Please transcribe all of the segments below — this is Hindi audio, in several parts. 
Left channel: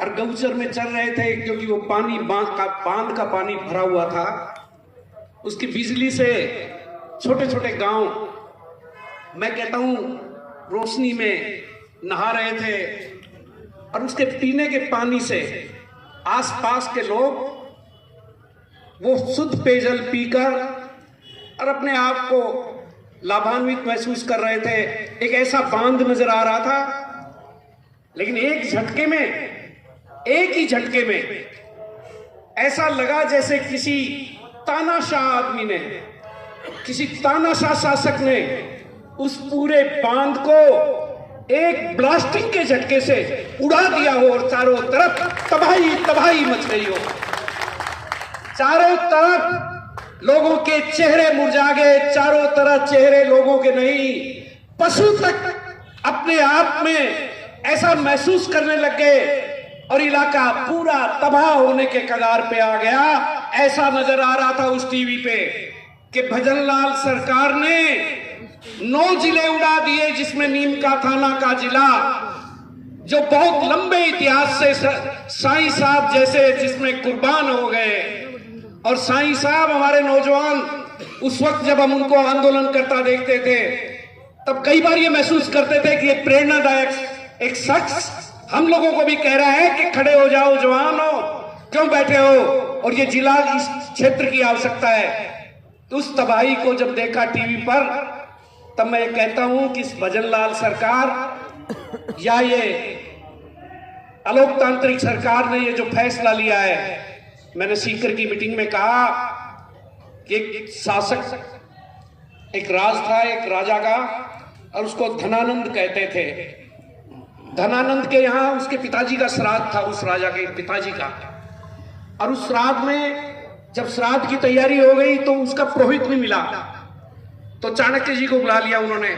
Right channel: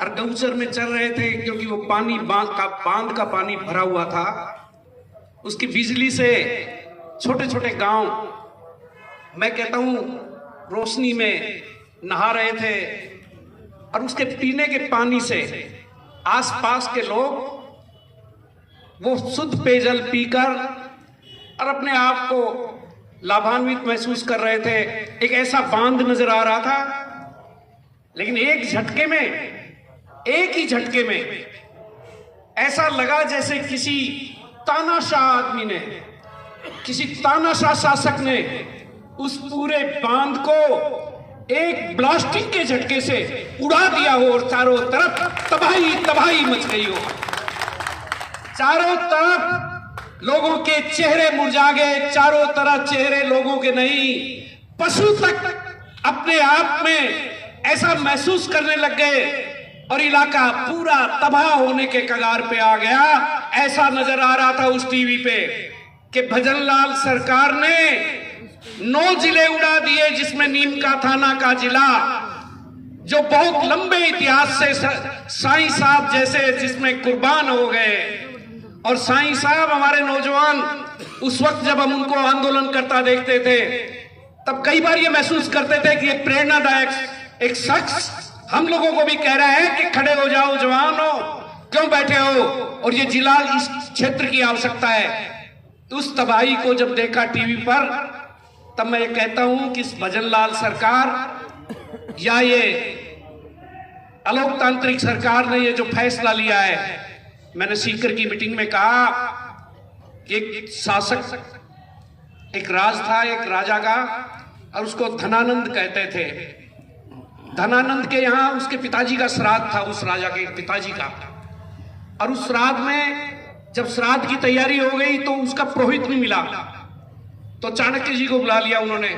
और गौचर में चल रहे थे क्योंकि वो पानी बांध का पानी भरा हुआ था। उसकी बिजली से छोटे छोटे गांव, मैं कहता हूं, रोशनी में नहा रहे थे और उसके पीने के पानी से आसपास के लोग वो शुद्ध पेयजल पीकर और अपने आप को लाभान्वित महसूस कर रहे थे। एक ऐसा बांध नजर आ रहा था, लेकिन एक ही झटके में ऐसा लगा जैसे किसी तानाशाह आदमी ने, किसी तानाशाह शासक ने उस पूरे बांध को एक ब्लास्टिंग के झटके से उड़ा दिया हो और चारों तरफ तबाही मच गई हो। चारों तरफ लोगों के चेहरे मुरझा गए, चारों तरफ चेहरे लोगों के नहीं, पशु तक अपने आप में ऐसा महसूस करने लग गए और इलाका पूरा तबाह होने के कगार पे आ गया। ऐसा नजर आ रहा था उस टीवी पे कि भजनलाल सरकार ने 9 जिले उड़ा दिए, जिसमें नीम का थाना का जिला, जो बहुत लंबे इतिहास से साईं साहब जैसे जिसमें कुर्बान हो गए। और साईं साहब हमारे नौजवान उस वक्त जब हम उनको आंदोलन करता देखते थे तब कई बार ये महसूस करते थे कि ये प्रेरणादायक एक शख्स हम लोगों को भी कह रहा है कि खड़े हो जाओ जवानों, क्यों बैठे हो, और ये जिला इस क्षेत्र की आवश्यकता है। तो उस तबाही को जब देखा टीवी पर, तब मैं कहता हूं कि इस भजनलाल सरकार या ये अलोकतांत्रिक सरकार ने ये जो फैसला लिया है, मैंने सीकर की मीटिंग में कहा कि एक शासक, एक राज था एक राजा का, और उसको धनानंद कहते थे। धनानंद के यहाँ उसके पिताजी का श्राद्ध था, उस राजा के पिताजी का, और उस श्राद्ध में जब श्राद्ध की तैयारी हो गई तो उसका पुरोहित भी मिला। तो चाणक्य जी को बुला लिया उन्होंने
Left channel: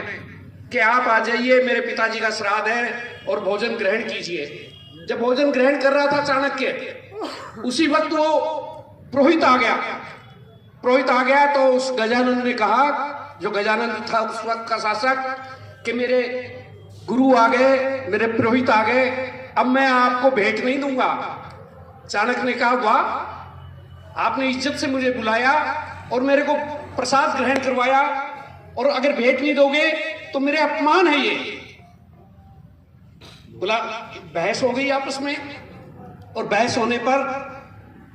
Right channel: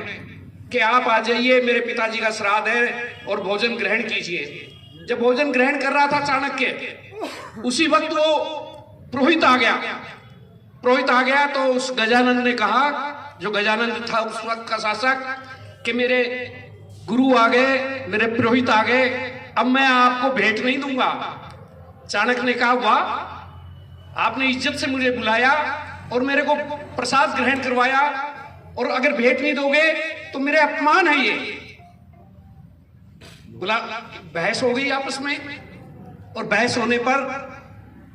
कि आप आ जाइए, मेरे पिताजी का श्राद्ध है और भोजन ग्रहण कीजिए। जब भोजन ग्रहण कर रहा था चाणक्य, उसी वक्त वो पुरोहित आ गया तो उस गजानन ने कहा, जो गजानन था उस वक्त का शासक, कि मेरे गुरु आ गए, मेरे पुरोहित आ गए, अब मैं आपको भेंट नहीं दूंगा। चाणक्य ने कहा, वाह, आपने इज्जत से मुझे बुलाया और मेरे को प्रसाद ग्रहण करवाया, और अगर भेंट नहीं दोगे तो मेरे अपमान है ये। बहस हो गई आपस में, और बहस होने पर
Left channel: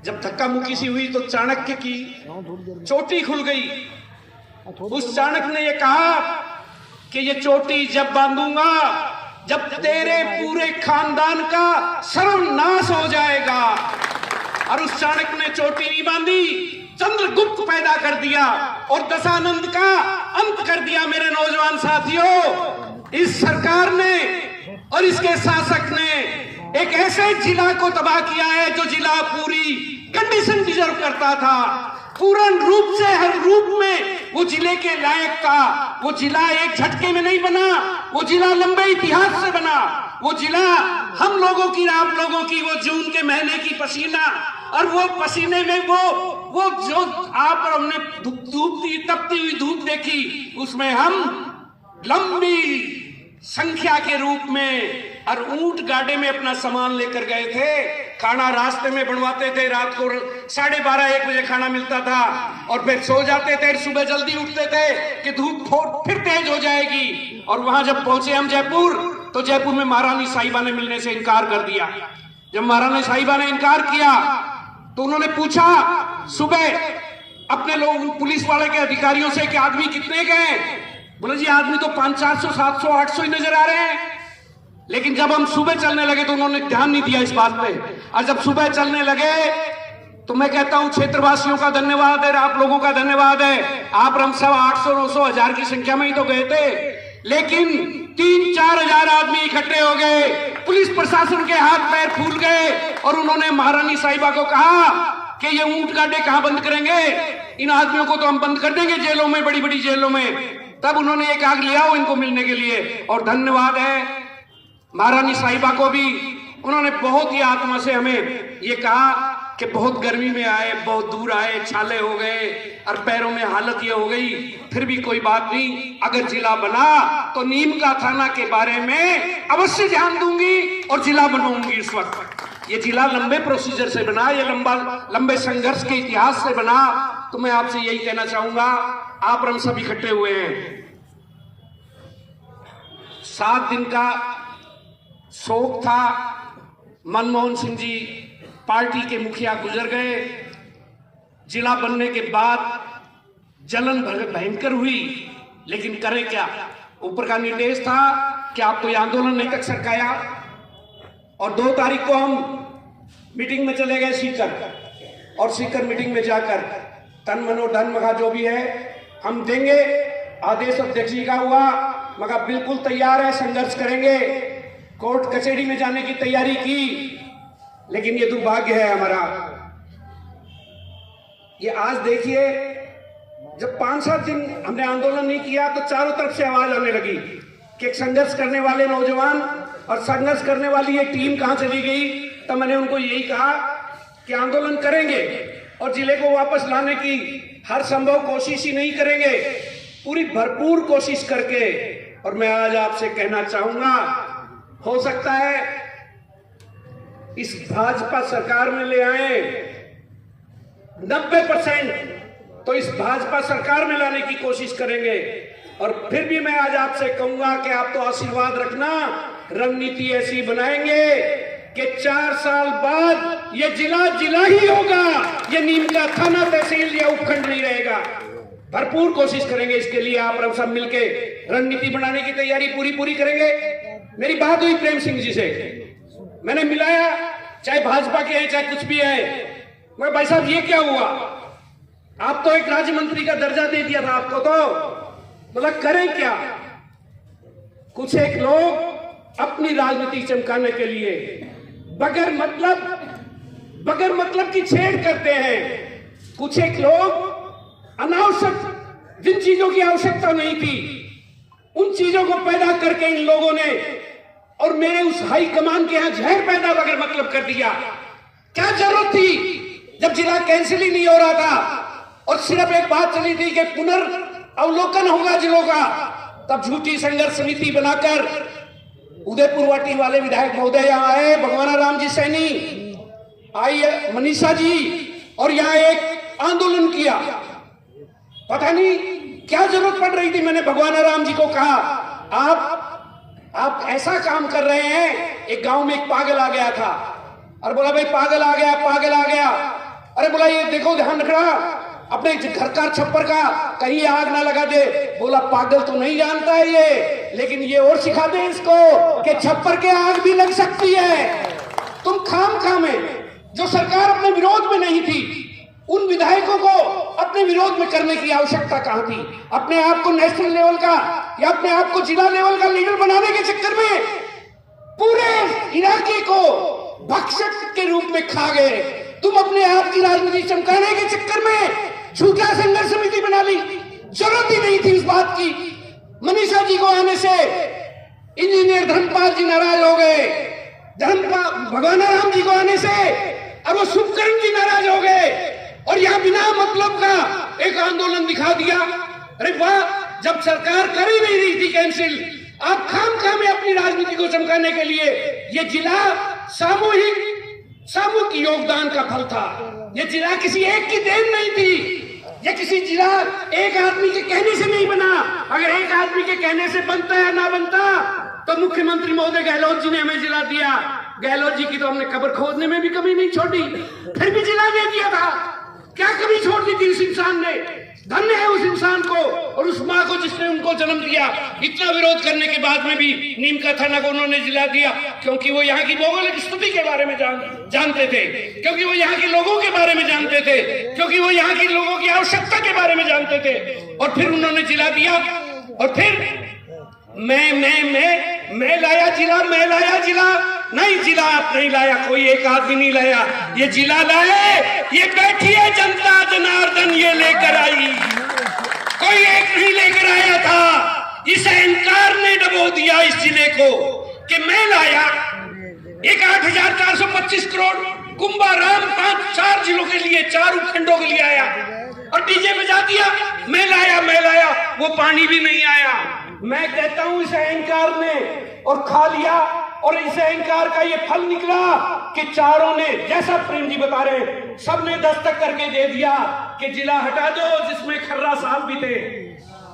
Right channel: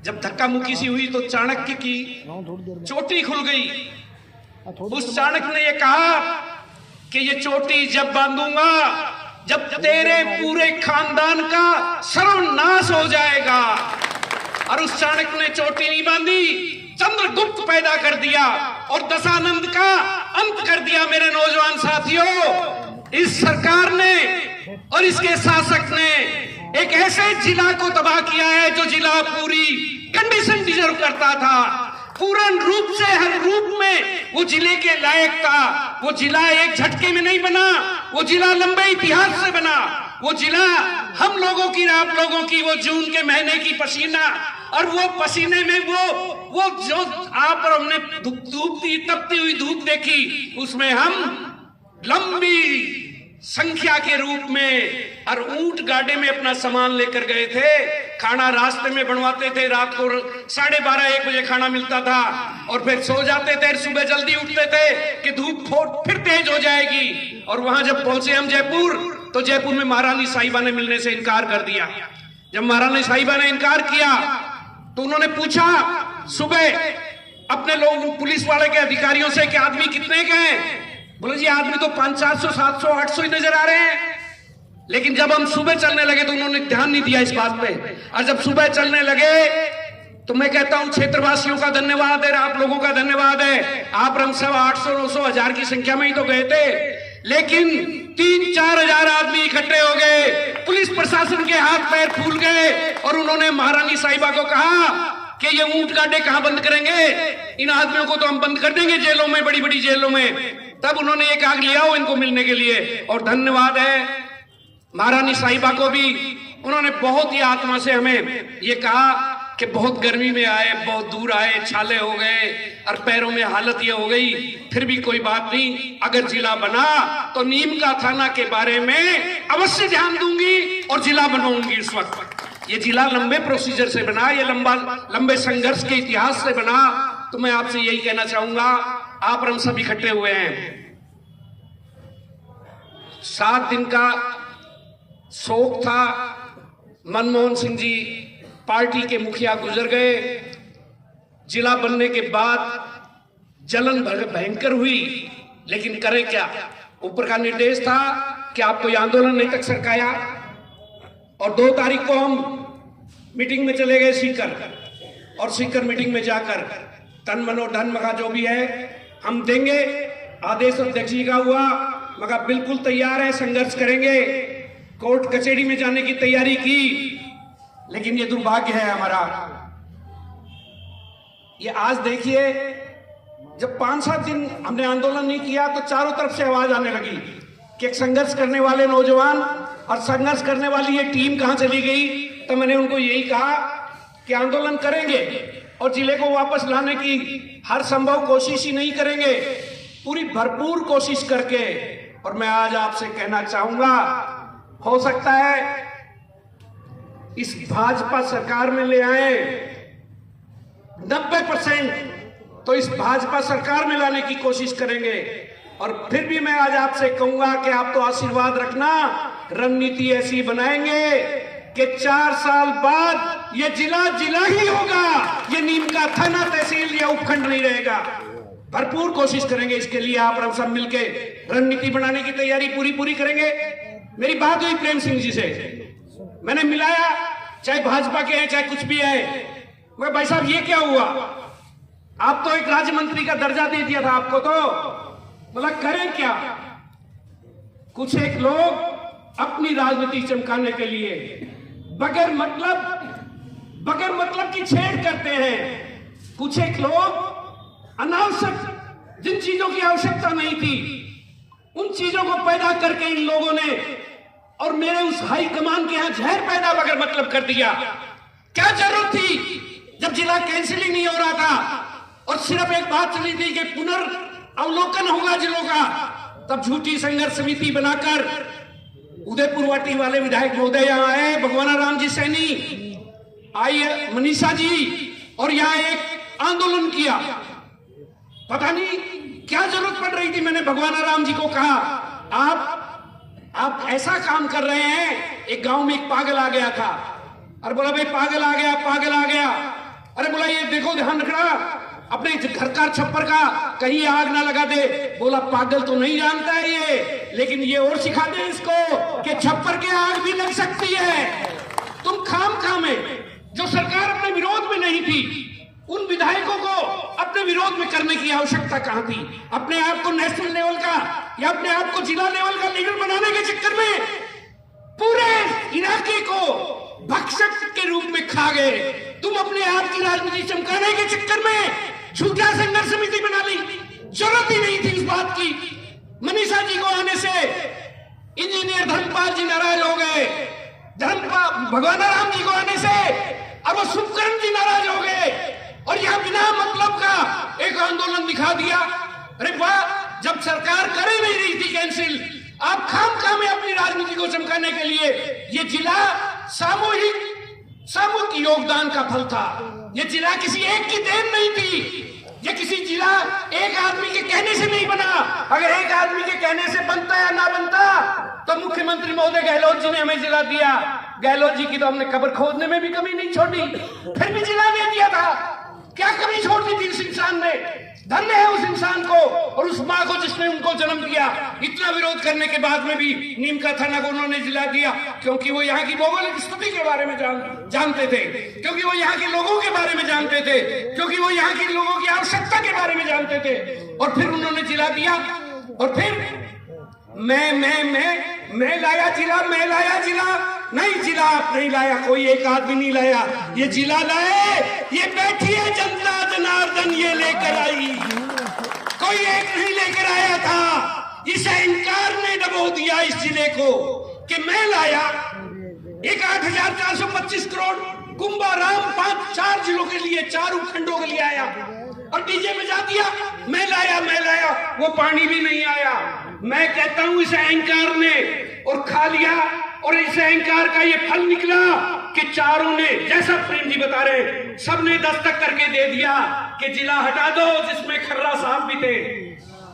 जब धक्का मुक्की सी हुई तो चाणक्य की चोटी खुल गई। उस चाणक्य ने यह कहा कि ये चोटी जब बांधूंगा जब तेरे पूरे खानदान का सर्वनाश हो जाएगा। और उस चाणक्य ने चोटी नहीं बांधी, चंद्रगुप्त पैदा कर दिया और दशानंद का अंत कर दिया। मेरे नौजवान साथियों, इस सरकार ने और इसके शासक ने एक ऐसे जिला को तबाह किया है जो जिला पूरी कंडीशन डिजर्व करता था, पूर्ण रूप से हर रूप में वो जिले के लायक था। वो जिला एक झटके में नहीं बना, वो जिला लंबे इतिहास से बना। वो जिला हम लोगों की, आप लोगों की, वो जून के महीने की पसीना, और वो पसीने में वो जो आप और हमने तपती हुई धूप देखी, उसमें हम लंबी संख्या के रूप में और ऊंट गाड़े में अपना सामान लेकर गए थे। खाना रास्ते में बनवाते थे, रात को 12:30-1 बजे खाना मिलता था, और फिर सो जाते थे, सुबह जल्दी उठते थे कि धूप फिर तेज हो जाएगी। और वहां जब पहुंचे हम जयपुर, तो जयपुर में महारानी साहिबा ने मिलने से इनकार कर दिया। जब महारानी साहिबा ने इनकार किया तो उन्होंने पूछा सुबह अपने लोग पुलिस वाले के अधिकारियों से कि आदमी कितने गए। बोले जी आदमी तो 500, 700, 800 ही नजर आ रहे हैं। लेकिन जब हम सुबह चलने लगे तो उन्होंने ध्यान नहीं दिया इस बात पे। और जब सुबह चलने लगे तो मैं कहता हूं क्षेत्रवासियों का धन्यवाद है, आप लोगों का धन्यवाद है। आप हम सब 800, 900, 1000 की संख्या में ही तो गए थे, लेकिन 3-4 हजार आदमी इकट्ठे हो गए। पुलिस प्रशासन के हाथ पैर फूल गए और उन्होंने महारानी साहिबा को कहा कि ये ऊंट गाड़े कहां बंद करेंगे, इन आदमियों को तो हम बंद कर देंगे जेलों में, बड़ी बड़ी जेलों में। तब उन्होंने एक आग लिया हो इनको मिलने के लिए। और धन्यवाद है महारानी साहिबा को भी, उन्होंने बहुत ही आत्मा से हमें ये कहा कि बहुत गर्मी में आए, बहुत दूर आए, छाले हो गए और पैरों में हालत ये हो गई, फिर भी कोई बात नहीं, अगर जिला बना तो नीम का थाना के बारे में अवश्य ध्यान दूंगी और जिला बनवाऊंगी इस वक्त। ये जिला लंबे प्रोसीजर से बना, ये लंबे संघर्ष के इतिहास से बना। तो मैं आपसे यही कहना चाहूंगा, आप हम सब इकट्ठे हुए हैं। 7 दिन का शोक था। मनमोहन सिंह जी पार्टी के मुखिया गुजर गए। जिला बनने के बाद जलन भयंकर हुई, लेकिन करे क्या, ऊपर का निर्देश था कि आपको ये आंदोलन नहीं तक सरकाया। और 2 तारीख को हम मीटिंग में चले गए सीकर, और सीकर मीटिंग में जाकर तन मनो धन मगा जो भी है हम देंगे। आदेश अध्यक्ष जी का हुआ, मगर बिल्कुल तैयार है, संघर्ष करेंगे। कोर्ट कचहरी में जाने की तैयारी की, लेकिन ये दुर्भाग्य है हमारा। ये आज देखिए, जब 5-7 दिन हमने आंदोलन नहीं किया तो चारों तरफ से आवाज आने लगी कि एक संघर्ष करने वाले नौजवान और संघर्ष करने वाली ये टीम कहां चली गई। तो मैंने उनको यही कहा कि आंदोलन करेंगे और जिले को वापस लाने की हर संभव कोशिश ही नहीं करेंगे, पूरी भरपूर कोशिश करके। और मैं आज आपसे कहना चाहूंगा, हो सकता है इस भाजपा सरकार में ले आए 90%, तो इस भाजपा सरकार में लाने की कोशिश करेंगे। और फिर भी मैं आज आपसे कहूंगा कि आप तो आशीर्वाद रखना, रणनीति ऐसी बनाएंगे कि 4 साल बाद ये जिला जिला ही होगा, ये नीम का थाना तहसील या उपखंड नहीं रहेगा। भरपूर कोशिश करेंगे इसके लिए। आप सब मिलके रणनीति बनाने की तैयारी पूरी करेंगे। मेरी बात हुई प्रेम सिंह जी से, मैंने मिलाया, चाहे भाजपा के हैं चाहे कुछ भी है। मैं भाई साहब ये क्या हुआ, आप तो एक राज्य मंत्री का दर्जा दे दिया था आपको, तो मतलब करें क्या। कुछ एक लोग अपनी राजनीति चमकाने के लिए बगैर मतलब की छेड़ करते हैं। कुछ एक लोग अनावश्यक, जिन चीजों की आवश्यकता नहीं थी, उन चीजों को पैदा करके इन लोगों ने और मेरे उस हाई कमान के यहां जहर पैदा बगैर मतलब कर दिया। क्या जरूरत थी, जब जिला कैंसिल ही नहीं हो रहा था और सिर्फ एक बात चली थी कि पुनर्अवलोकन होगा जिलों का, तब झूठी संघर्ष समिति बनाकर उदयपुर वाटी वाले विधायक महोदय यहां आए, भगवाना राम जी सैनी आई, मनीषा जी, और यहां एक आंदोलन किया। पता नहीं क्या जरूरत पड़ रही थी। मैंने भगवाना राम जी को कहा, आप ऐसा काम कर रहे हैं। एक गांव में एक पागल आ गया था, और बोला भाई पागल आ गया। अरे बोला ये देखो, ध्यान रखना अपने घर का छप्पर का, कहीं आग ना लगा दे। बोला पागल तो नहीं जानता है ये, लेकिन ये और सिखा दे इसको कि छप्पर के आग भी लग सकती है। तुम खाम में, जो सरकार अपने विरोध में नहीं थी, उन विधायकों को अपने विरोध में करने की आवश्यकता कहां थी। अपने आप को नेशनल लेवल का या अपने आप को जिला लेवल का लीडर बनाने के चक्कर में पूरे इलाके को भक्षक के रूप में खा गए। तुम अपने आप की राजनीति चमकाने के चक्कर में झूठा संघर्ष समिति बना ली। जरूरत ही नहीं थी इस बात की। मनीषा जी को आने से इंजीनियर धर्मपाल जी नाराज हो गए, भगवाना राम जी को आने से और वो शुभकरण जी नाराज हो गए, और यहां बिना मतलब का एक आंदोलन दिखा दिया। अरे वाह, जब सरकार कर ही नहीं रही थी कैंसिल, आप खाम में अपनी राजनीति को चमकाने के लिए, ये जिला सामूहिक योगदान का फल था। ये जिला किसी एक की देन नहीं थी। ये किसी जिला एक आदमी के कहने से नहीं बना। अगर एक आदमी के कहने से बनता या ना बनता, तो मुख्यमंत्री महोदय गहलोत जी ने हमें जिला दिया। गहलोत जी की तो हमने कब्र खोदने में भी कमी नहीं छोड़ी, फिर भी जिला दे दिया था। क्या कमी छोड़ दी थी इस इंसान ने। धन्य है उस इंसान को और उस माँ को जिसने उनको जन्म दिया। इतना विरोध करने के बाद में भी नीम का थाना को उन्होंने जिला दिया, क्योंकि वो यहाँ की भौगोलिक स्थिति के बारे में जानते थे, क्योंकि वो यहाँ के लोगों के बारे में जानते थे, क्योंकि वो यहाँ के लोगों की आवश्यकता के बारे में जानते थे। और फिर उन्होंने जिला दिया। और फिर मैं लाया जिला। नहीं, जिला आप नहीं लाया, कोई एक आदमी नहीं लाया, ये जिला लाए, ये बैठी है जनता जनार्दन ये लेकर आई। कोई एक नहीं लेकर आया था। इस अहंकार ने डबो दिया इस जिले को कि मैं लाया। एक 8,425 करोड़ कुंभाराम 5-4 जिलों के लिए, 4 उपखंडों के लिए आया, और डीजे बजा दिया, मैं लाया। वो पानी भी नहीं आया। मैं कहता हूं इस अहंकार ने और खा लिया, और इस अहंकार का ये फल निकला कि चारों ने, जैसा प्रेम जी बता रहे, सबने दस्तक करके दे दिया कि जिला हटा दो जिसमें खर्रा साहब भी थे।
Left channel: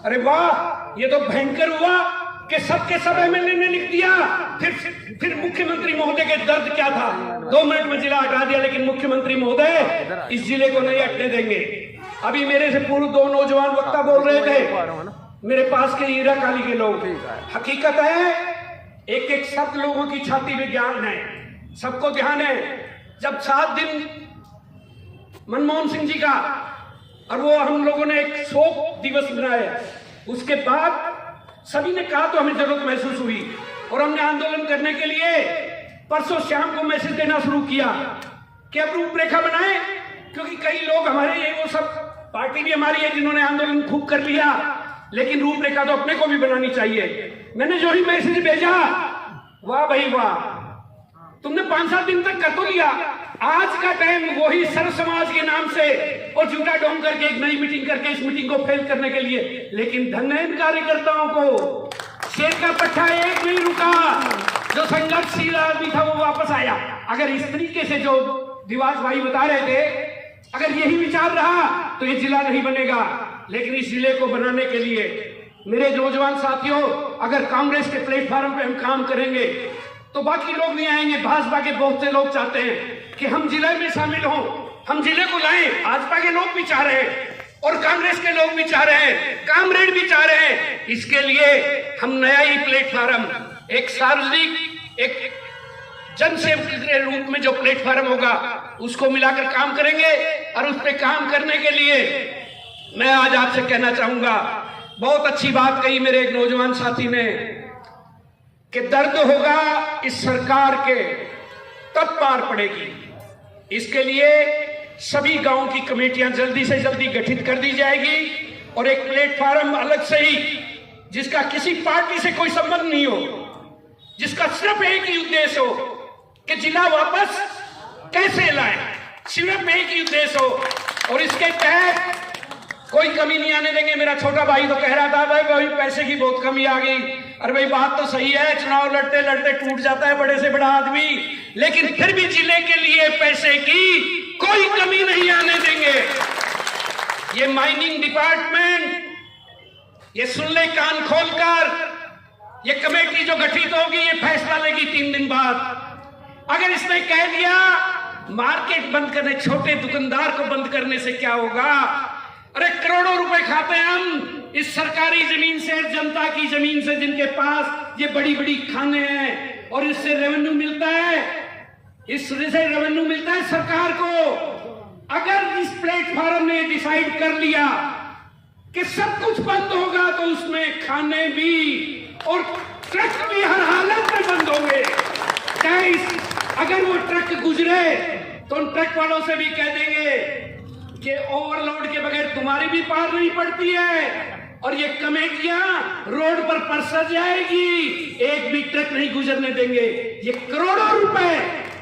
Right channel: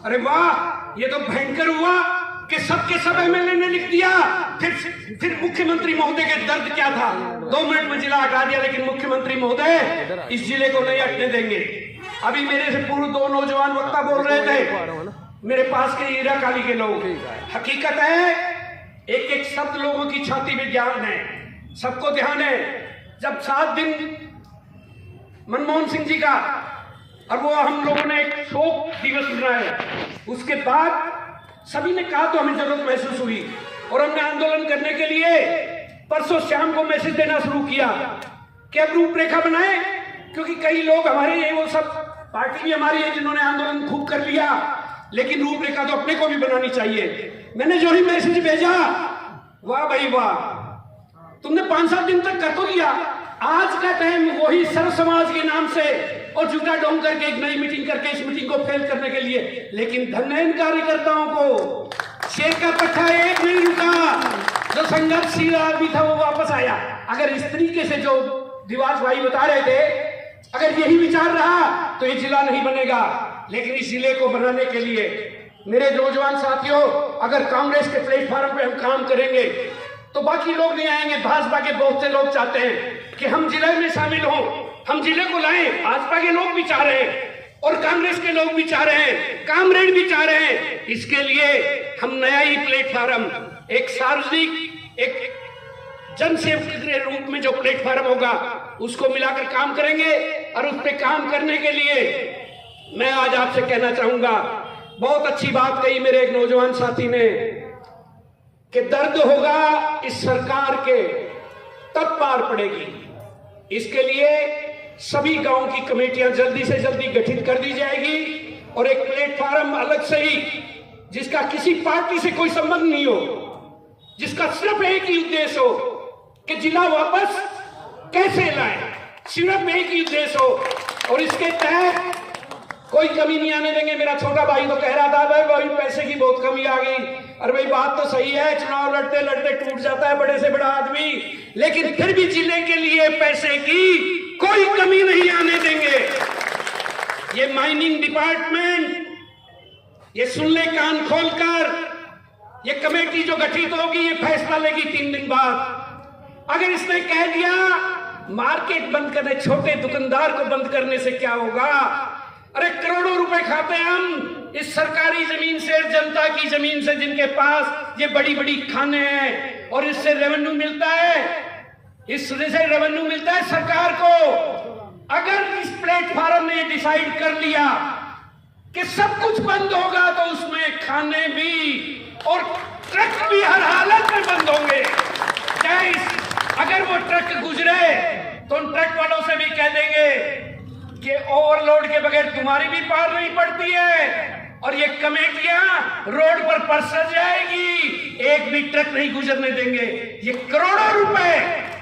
अरे वाह, ये तो भयंकर हुआ कि सबके सब एमएलए ने लिख दिया। फिर मुख्यमंत्री महोदय के दर्द क्या था, 2 मिनट में जिला हटा दिया, लेकिन मुख्यमंत्री महोदय इस जिले को नहीं हटने देंगे। अभी मेरे से पूर्व 2 नौजवान वक्ता बोल रहे थे, मेरे पास के हीरा काली के लोग। हकीकत है, एक एक शब्द लोगों की छाती में ज्ञान है, सबको ध्यान है। जब 7 दिन मनमोहन सिंह जी का, और वो हम लोगों ने एक शोक दिवस मनाया, उसके बाद सभी ने कहा तो हमें जरूरत महसूस हुई और हमने आंदोलन करने के लिए परसों शाम को मैसेज देना शुरू किया कि अब रूपरेखा बनाए, क्योंकि कई लोग हमारे हैं, वो सब पार्टी भी हमारी है जिन्होंने आंदोलन खूब कर लिया, लेकिन रूपरेखा तो अपने को भी बनानी चाहिए। मैंने जो ही मैसेज भेजा, वाह भाई वाह, तुमने 5-7 दिन तक कर तो लिया, आज का टाइम वही सर्व समाज के नाम से और झूठा ढोंग करके एक नई मीटिंग करके इस मीटिंग को फेल करने के लिए। लेकिन धन्य इन कार्यकर्ताओं को, शेर का पट्टा एक नहीं रुका, जो संघर्षशील आदमी था वो वापस आया। अगर इस तरीके से जो दिवास भाई बता रहे थे, अगर यही विचार रहा तो ये जिला नहीं बनेगा। लेकिन इस जिले को बनाने के लिए मेरे नौजवान साथियों, अगर कांग्रेस के प्लेटफॉर्म पे हम काम करेंगे तो बाकी लोग नहीं आएंगे। भाजपा के बहुत से लोग चाहते हैं कि हम जिले में शामिल हों, हम जिले को लाएं। भाजपा के लोग भी चाह रहे हैं और कांग्रेस के लोग भी चाह रहे हैं, कामरेड भी चाह रहे हैं। इसके लिए हम नया ही प्लेटफॉर्म, एक सार्वजनिक, एक जनसेवक के रूप में जो प्लेटफॉर्म होगा उसको मिलाकर काम करेंगे। और उस पर काम करने के लिए मैं आज आपसे कहना चाहूंगा, बहुत अच्छी बात कही मेरे एक नौजवान साथी ने कि दर्द होगा इस सरकार के तब पार पड़ेगी। इसके लिए सभी गांव की कमेटियां जल्दी से जल्दी गठित कर दी जाएगी और एक प्लेटफॉर्म अलग से ही, जिसका किसी पार्टी से कोई संबंध नहीं हो, जिसका सिर्फ एक ही उद्देश्य हो कि जिला वापस कैसे लाएं, सिर्फ एक ही उद्देश्य हो। और इसके तहत कोई कमी नहीं आने देंगे। मेरा छोटा भाई तो कह रहा था भाई पैसे की बहुत कमी आ गई। अरे भाई बात तो सही है, चुनाव लड़ते लड़ते टूट जाता है बड़े से बड़ा आदमी, लेकिन फिर भी जिले के लिए पैसे की कोई कमी नहीं आने देंगे। ये माइनिंग डिपार्टमेंट, ये सुन ले कान खोलकर, ये कमेटी जो गठित होगी ये फैसला लेगी 3 दिन बाद। अगर इसने कह दिया मार्केट बंद करने, छोटे दुकानदार को बंद करने से क्या होगा? अरे करोड़ों रुपए खाते हैं हम इस सरकारी जमीन से, जनता की जमीन से, जिनके पास ये बड़ी बड़ी खाने हैं, और इससे रेवेन्यू मिलता है, इससे रेवेन्यू मिलता है सरकार को। अगर इस प्लेटफॉर्म ने डिसाइड कर लिया कि सब कुछ बंद होगा तो उसमें खाने भी और ट्रक भी हर हालत में बंद होंगे। चाहे अगर वो ट्रक गुजरे तो उन ट्रक वालों से भी कह देंगे कि ओवरलोड के बगैर तुम्हारी भी पार नहीं पड़ती है, और ये कमेटियां रोड पर परस जाएगी, एक भी ट्रक नहीं गुजरने देंगे। ये करोड़ों रुपए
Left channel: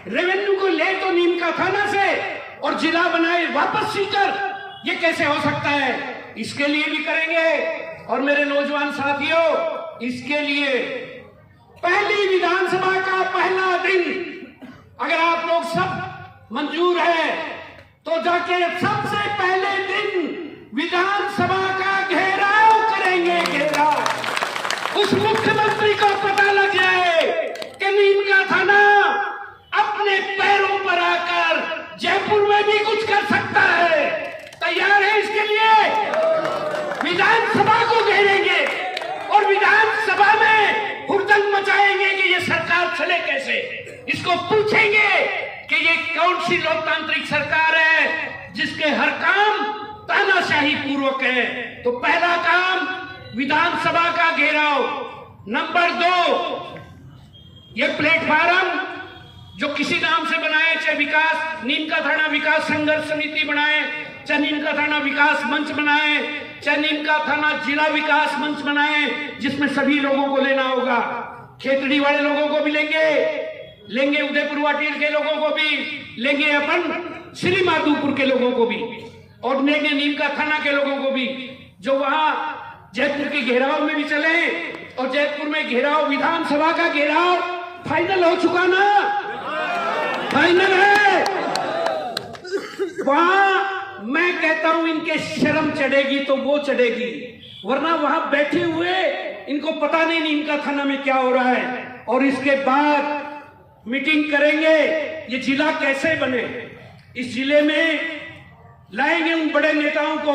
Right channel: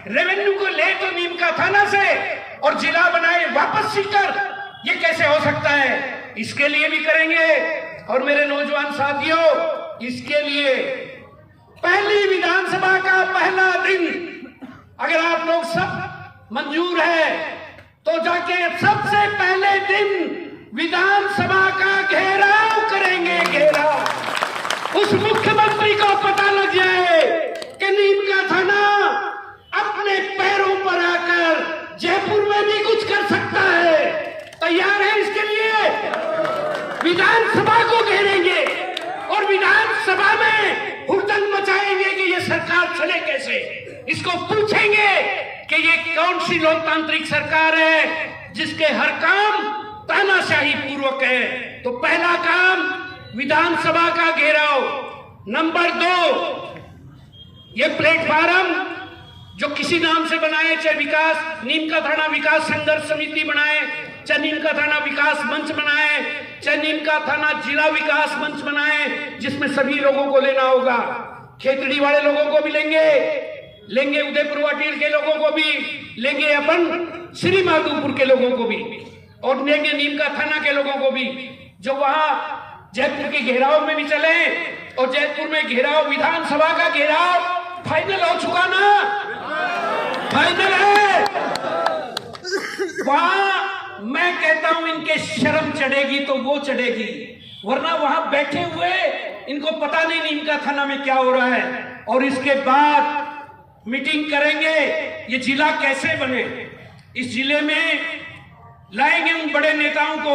रेवेन्यू को ले तो नीम का थाना से और जिला बनाए वापस सीकर, ये कैसे हो सकता है? इसके लिए भी करेंगे। और मेरे नौजवान साथियों, इसके लिए पहली विधानसभा का पहला दिन अगर आप लोग सब मंजूर है तो जाके सबसे पहले दिन विधानसभा का घेराव करेंगे। घेराव, उस मुख्यमंत्री को पता लग जाए कि नीम का थाना अपने पैरों पर आकर जयपुर में भी कुछ कर सकता है। तैयार है इसके लिए? विधानसभा को घेरेंगे और विधानसभा में हुड़दंग मचाएंगे कि ये सरकार चले कैसे। इसको पूछेंगे कि ये कौन सी लोकतांत्रिक सरकार है जिसके हर काम तानाशाही पूर्वक है। तो पहला काम विधानसभा का घेराव। नंबर 2, ये प्लेटफॉर्म जो किसी नाम से बनाए, चाहे विकास नीम का थाना विकास संघर्ष समिति बनाए, चाहे नीम का थाना विकास मंच बनाए, चाहे नीम का थाना जिला विकास मंच बनाए, जिसमें सभी लोगों को लेना होगा। खेतड़ी वाले लोगों को भी लेंगे उदयपुर वाटिल के लोगों को भी लेंगे, अपन श्री माधोपुर के लोगों को भी, और लेंगे नीम का थाना के लोगों को भी, जो वहां जयपुर के घेराव में भी चले और जयपुर में घेराव, विधानसभा का घेराव फाइनल हो चुका ना, फाइनल है। वहां मैं कहता हूं इनके शर्म चढ़ेगी तो वो चढ़ेगी, वरना वहां बैठे हुए इनको पता नहीं नीम का थाना में क्या हो रहा है। और इसके बाद मीटिंग करेंगे, ये जिला कैसे बने, इस जिले में लाएंगे उन बड़े नेताओं को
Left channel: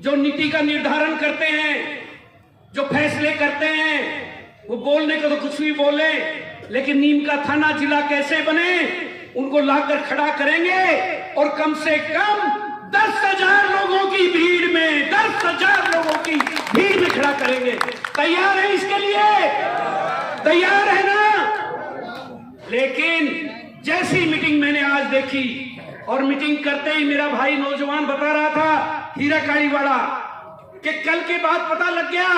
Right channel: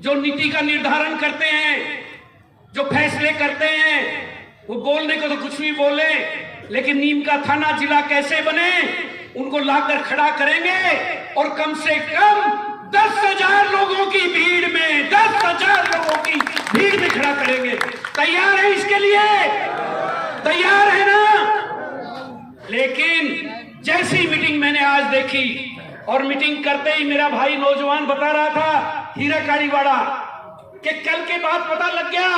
जो नीति का निर्धारण करते हैं, जो फैसले करते हैं। वो बोलने को तो कुछ भी बोले, लेकिन नीम का थाना जिला कैसे बने उनको लाकर खड़ा करेंगे और कम से कम 10,000 लोगों की भीड़ में, 10,000 लोगों की भीड़ में खड़ा करेंगे। तैयार है इसके लिए? तैयार है ना? लेकिन जैसी मीटिंग मैंने आज देखी, और मीटिंग करते ही मेरा भाई नौजवान बता रहा था हीरा कालीवाड़ा कि कल के बाद पता लग गया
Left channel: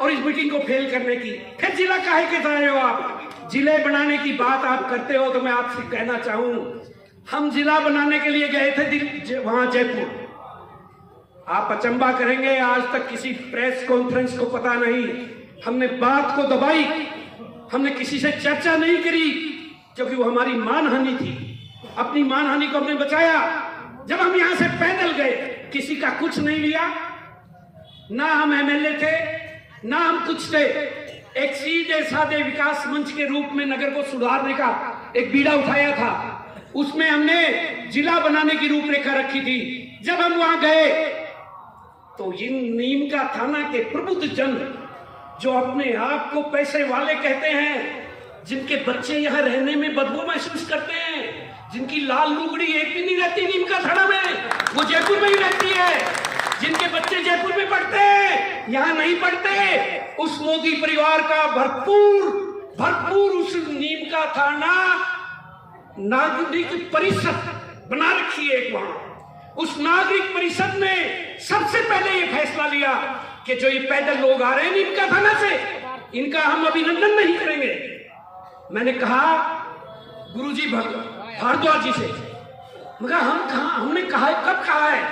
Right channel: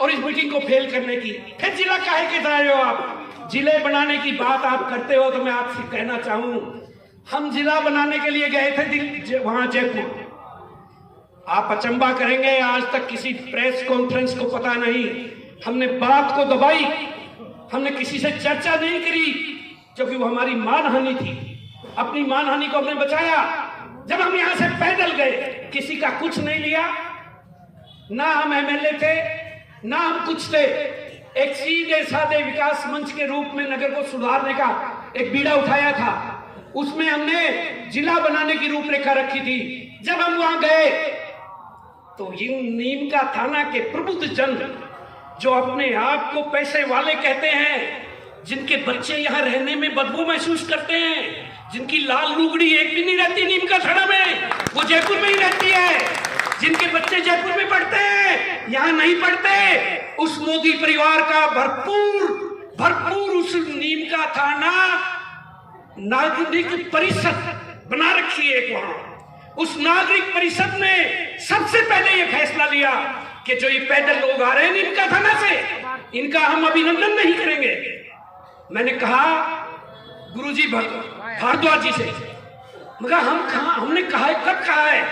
और इस मीटिंग को फेल करने की, फिर जिला काहे के आए हो आप? जिले बनाने की बात आप करते हो तो मैं आपसे कहना चाहूं, हम जिला बनाने के लिए गए थे वहां जयपुर। आप अचंबा करेंगे, आज तक किसी प्रेस कॉन्फ्रेंस को पता नहीं, हमने बात को दबाई, हमने किसी से चर्चा नहीं करी, क्योंकि वो हमारी मानहानि थी। अपनी मानहानि को हमने बचाया। जब हम यहां से पैदल गए, किसी का कुछ नहीं लिया, ना हम एमएलए थे ना हम कुछ थे। एक सीधे साधे विकास मंच के रूप में नगर को सुधारने का एक बीड़ा उठाया था, उसमें हमने जिला बनाने की रूपरेखा रखी थी। जब हम वहां गए तो इन नीम का थाना के प्रबुद्ध जन, जो अपने आप को पैसे वाले कहते हैं, जिनके बच्चे यहाँ रहने में बदबू महसूस करते हैं, जिनकी लाल लुगड़ी एक भी नहीं रहती नीम का थाना में, वो जयपुर में ही रहती है, जिनके बच्चे जयपुर में पढ़ते हैं, यहाँ नहीं पढ़ते, उस मोदी परिवार का भरपूर उस नीम का थाना नागरिक परिषद बना रखी है वहां। उस नागरिक परिषद ने सबसे पहले ये फैसला लिया कि जो ये पैदल लोग आ रहे हैं नीम का थाना से, इनका हम अभिनंदन नहीं करेंगे। मैंने कहा गुरुजी भारद्वाज जी से, मगर हमने कहा, कब कहा है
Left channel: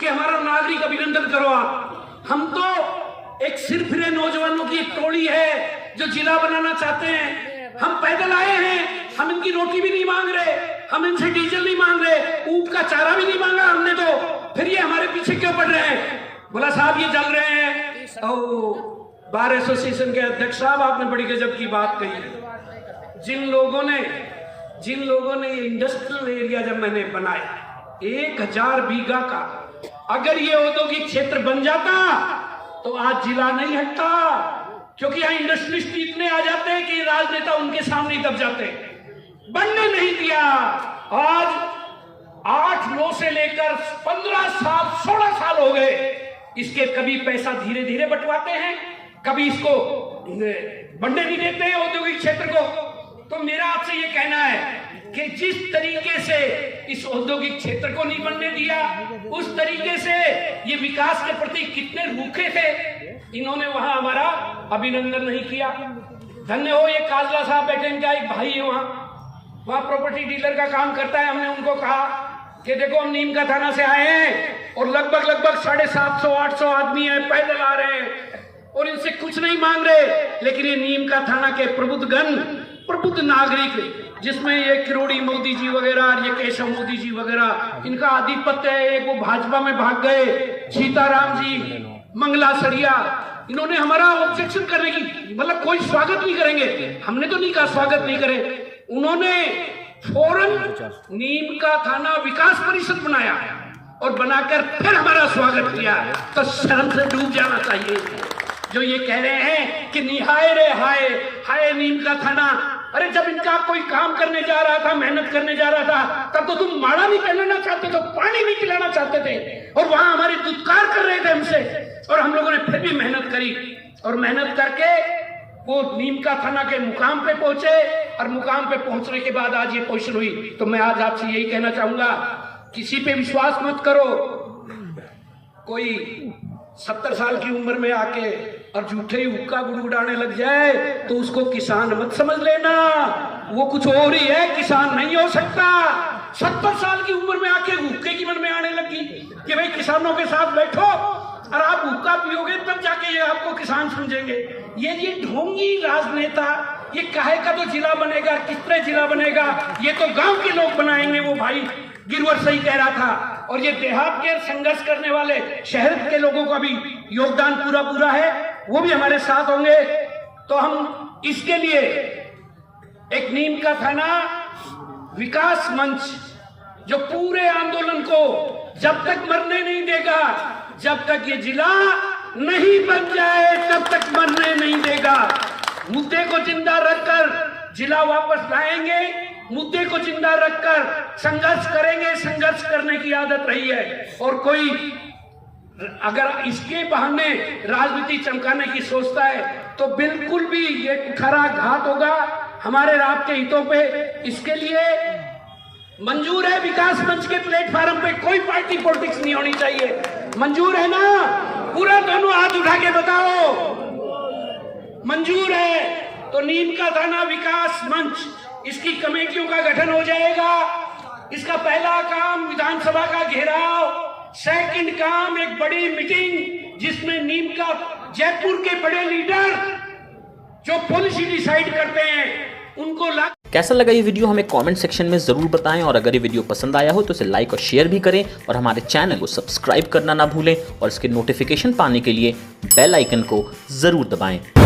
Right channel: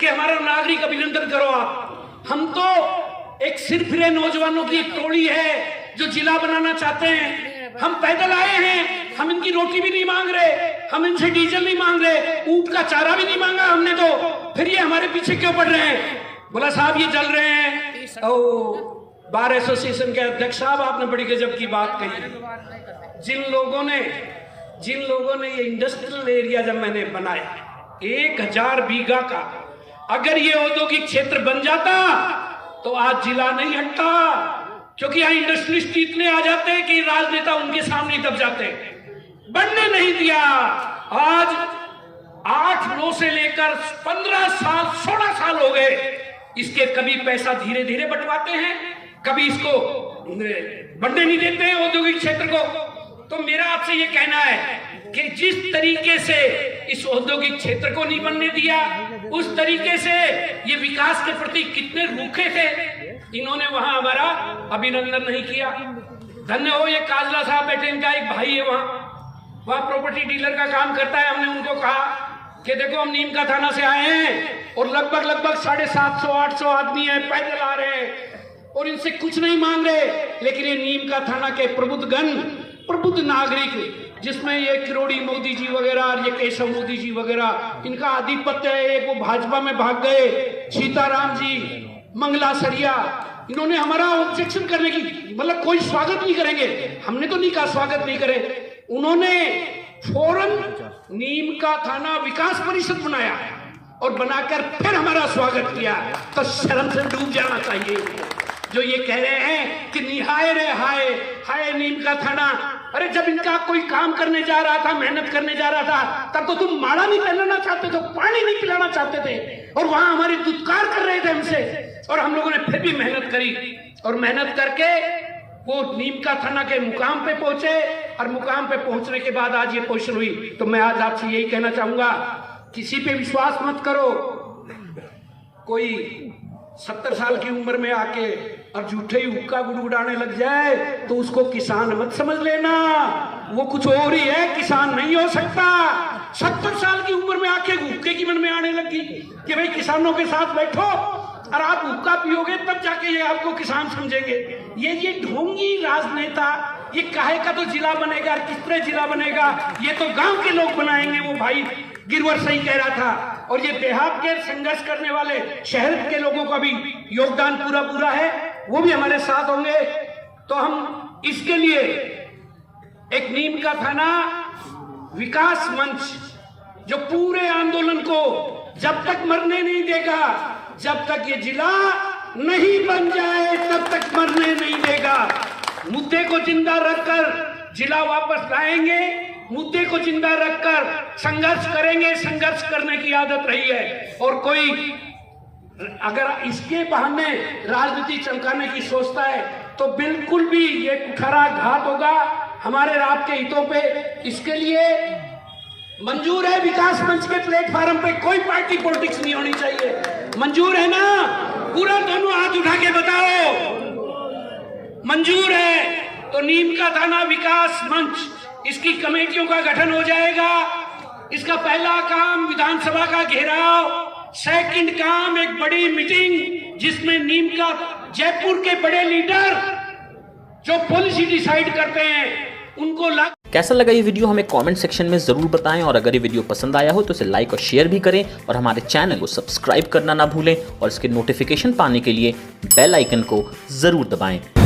कि हमारा नागरिक अभिनंदन करो आप? हम तो एक सिरफिरे नौजवानों की एक टोली है जो जिला बनाना चाहते हैं। हम पैदल आए हैं, हम इनकी रोटी भी नहीं मांग रहे, हम इनसे डीजल नहीं मांग रहे, ऊंट का चारा भी नहीं मांगा हमने, तो फिर ये हमारे पीछे क्यों पड़ रहे हैं? बोला साहब ये जल रहे हैं। और बार एसोसिएशन के अध्यक्ष साहब, आपने बड़ी गजब की बात कही। जिन लोगों ने ये इंडस्ट्रियल एरिया जब मैंने बनाया 1000 बीघा का, अगर ये औद्योगिक क्षेत्र बन जाता तो आज जिला नहीं हटता, क्योंकि यहाँ इंडस्ट्रियलिस्ट इतने आ जाते हैं कि राजनेता उनके सामने दब जाते हैं। बनने नहीं दिया। आज 8-9 से लेकर 15 साल 16 साल हो गए, इसके कभी पैसा धीरे धीरे बंटवाते हैं, कभी इसको बनने नहीं देते हैं औद्योगिक क्षेत्र को। तो मेरा आपसे ये कहना है कि जिस तरीके से इस औद्योगिक क्षेत्र को नहीं बनने दिया, उस तरीके से ये विकास के प्रति कितने रूखे थे, इन्होंने वहां हमारा अभिनंदन नहीं किया। धन्य हो ये काजला साहब बैठे, इनका एक भाई है वहां प्रॉपर्टी डीलर का काम करता है। हमने उनको कहा कि देखो हम नीम का थाना से आए हैं और लगभग 750-800 आदमी है, पैदल आ रहे हैं और इनसे कुछ नहीं मांग रहे, लेकिन ये नीम का थाना के प्रबुद्ध नागरिक, जिसमें ये किरोड़ी मोदी जी वगैरह, ये केशव मोदी जी वगैरह, इनका आधिपत्य है। एक वो भाजपा में भाग गए, सीताराम जी, मंगला सरिया, इन्होंने हमारा ऑब्जेक्शन करने की, मतलब कोई स्वागत नहीं करेंगे। हमने तो नहीं कहा स्वागत नहीं करें, उन्होंने फौरन नीम का थाना विकास परिषद बनाया और बनाकर फिर हमारा स्वागत किया। तो शर्म से डूब जाना चाहिए जो ये कह रहे हैं कि निहाय रे हाय हाय नीम का थाना। अरे जब इनका कोई काम करने जा रहा था, मेहनत करने जा रहा था, तब तो तुम माला नहीं पहनाना चाहते थे, पानी नहीं पिलाना चाहते थे, और वहां हमारे दुत्कार कर रहे थे हमसे, और हम लोगों ने फिर भी मेहनत करी और मेहनत करके वो नीम का थाना के मुकाम पे पहुंचे, और मुकाम पे पहुंचने के बाद आज ये पोजीशन हुई। तो मैं आज आपसे यही कहना चाहूंगा, किसी पे विश्वास मत करो। कोई 70 साल की उम्र में आके और झूठे ही हुक्का गुड़गुड़ाने लग जाए तो उसको किसान मत समझ लेना, वो कुछ और ही है, किसान नहीं हो सकता। 70 साल की उम्र में आके हुक्के की मन में आने लगी कि भाई किसानों के साथ बैठो और आप हुक्का पियोगे तब जाके ये आपको किसान समझेंगे। ये ढोंगी राजनेता, ये काहे का तो जिला बनेगा, कितने जिला बनेगा, ये तो गांव के लोग बनाएंगे। वो भाई गिरवर सही कह रहा था। और ये देहात के संघर्ष करने वाले शहर के लोगों का भी योगदान पूरा है, वो भी हमारे साथ होंगे। तो हम इसके लिए एक नीम का थाना विकास मंच, जो पूरे आंदोलन को जब तक मरने नहीं देगा, जब तक ये जिला नहीं बन जाए तब तक मरने नहीं देगा। मुद्दे को जिंदा रखकर जिला वापस लाएंगे, मुद्दे को जिंदा रखकर संघर्ष करेंगे। संघर्ष करने की आदत रही है। और कोई अगर इसके बहाने राजनीति चमकाने की सोचता है तो बिल्कुल भी ये कुठारा घात होगा हमारे रात के हितों पे। इसके लिए मंजूर है विकास मंच के प्लेटफार्म पे कोई पार्टी पॉलिटिक्स नहीं होनी चाहिए। मंजूर है ना? पूरा दोनों हाथ उठा के बताओ मंजूर है। तो नीम का थाना विकास मंच, इसकी कमेटियों का गठन हो जाएगा। इसका पहला काम विधानसभा का घेराव, सेकंड काम एक बड़ी मीटिंग जिसमें नीम का जयपुर के बड़े लीडर जो पॉलिसी डिसाइड करते हैं उनको कैसा लगा ये वीडियो हमें कमेंट सेक्शन में ज़रूर बताएं। और अगर ये वीडियो पसंद आया हो तो इसे लाइक और शेयर भी करें और हमारे चैनल को सब्सक्राइब करना ना भूलें और इसके नोटिफिकेशन पाने के लिए बेल आइकन को ज़रूर दबाएं।